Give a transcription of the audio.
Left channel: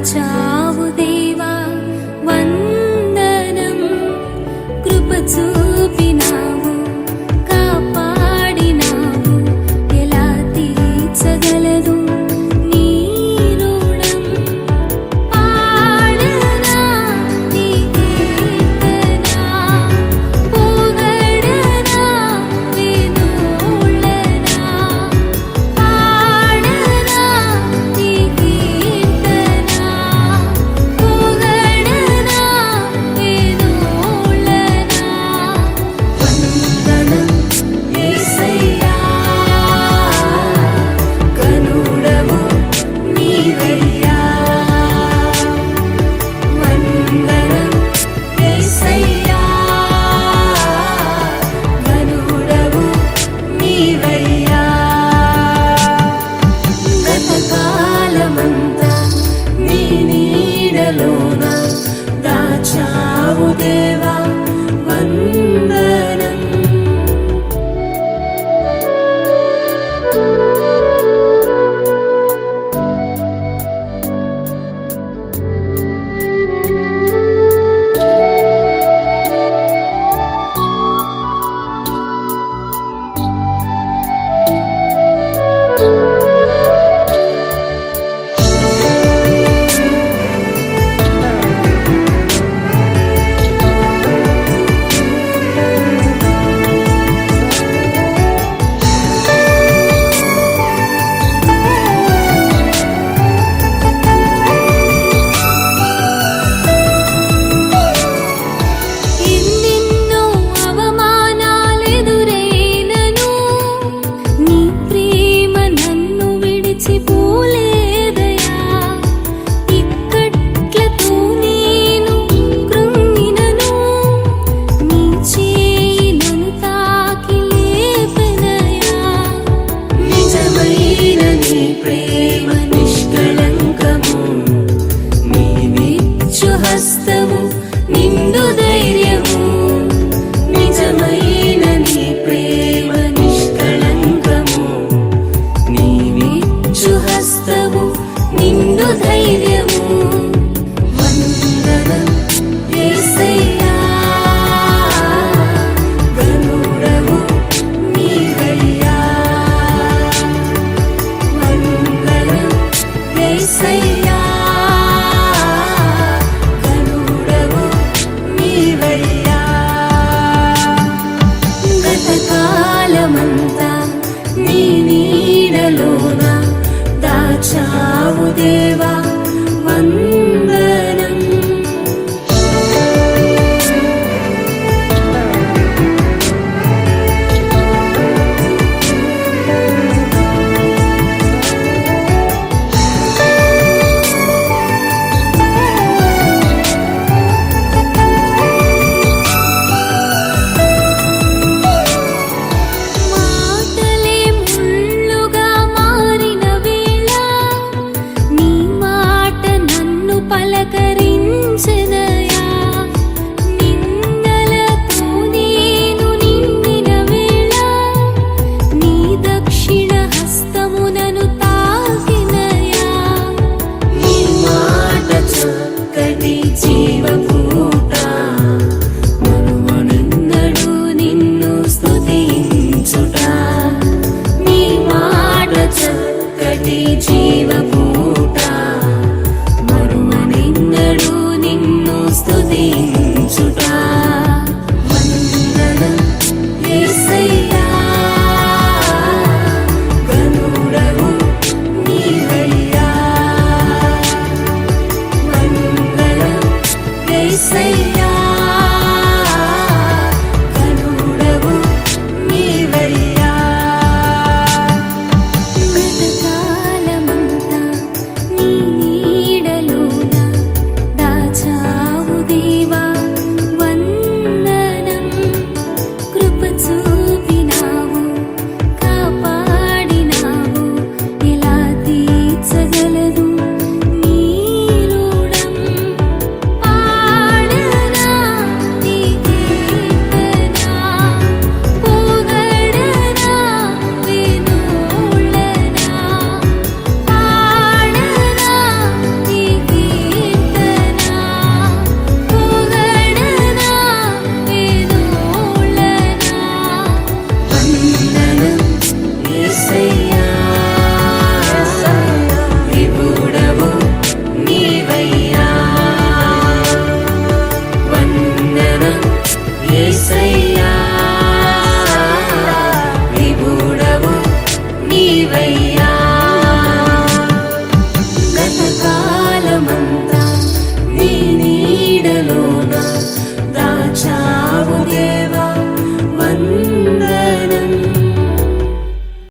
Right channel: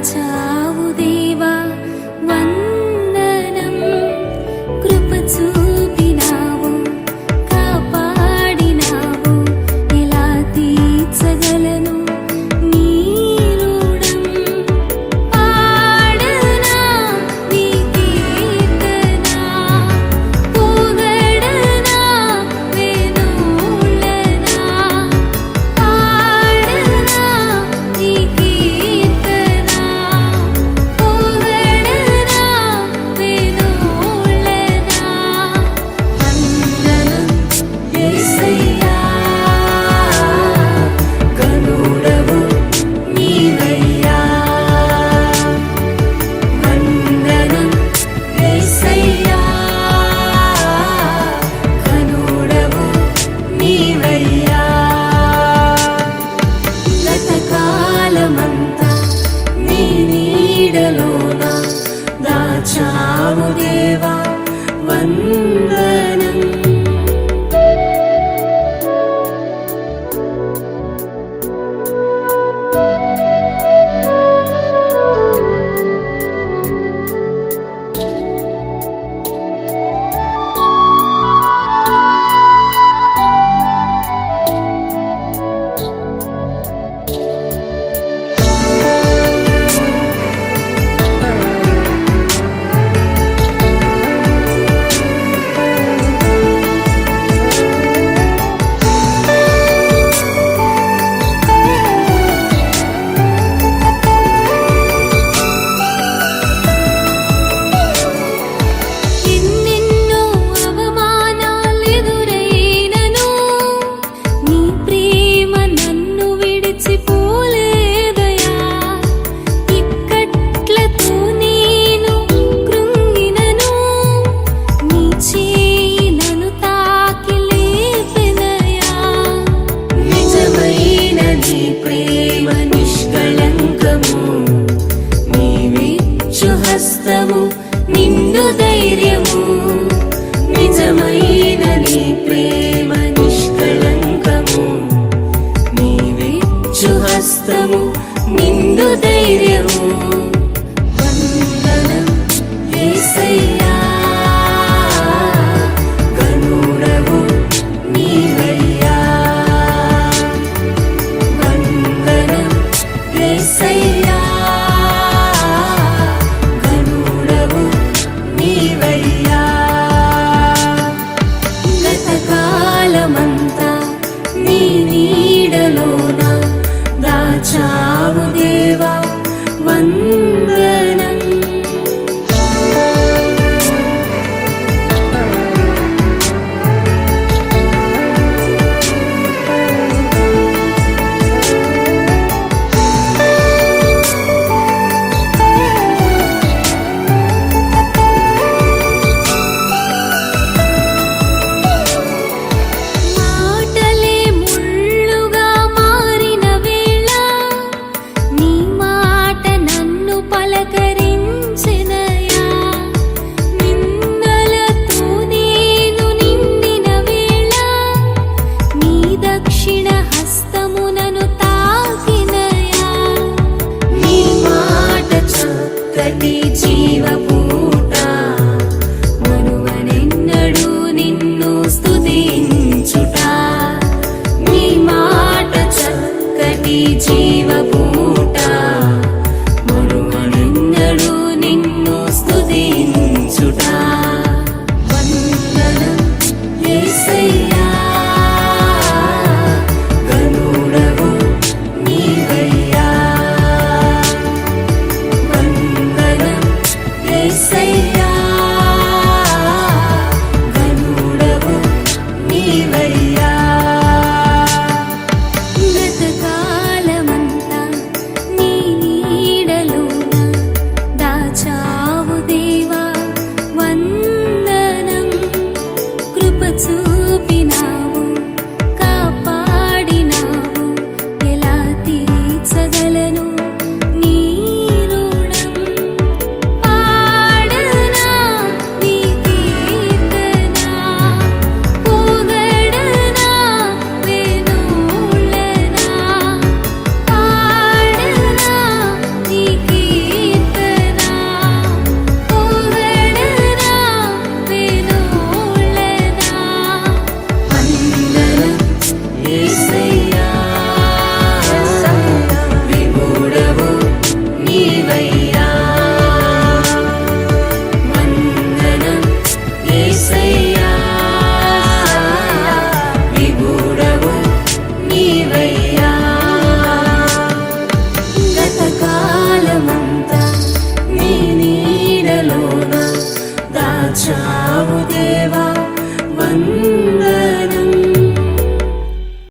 కాచావు దేవా వందనం కృప చూపినావు కాపాడినావు ఎలా తీర్చగలను? నీడలోన దాచావు దే నాకు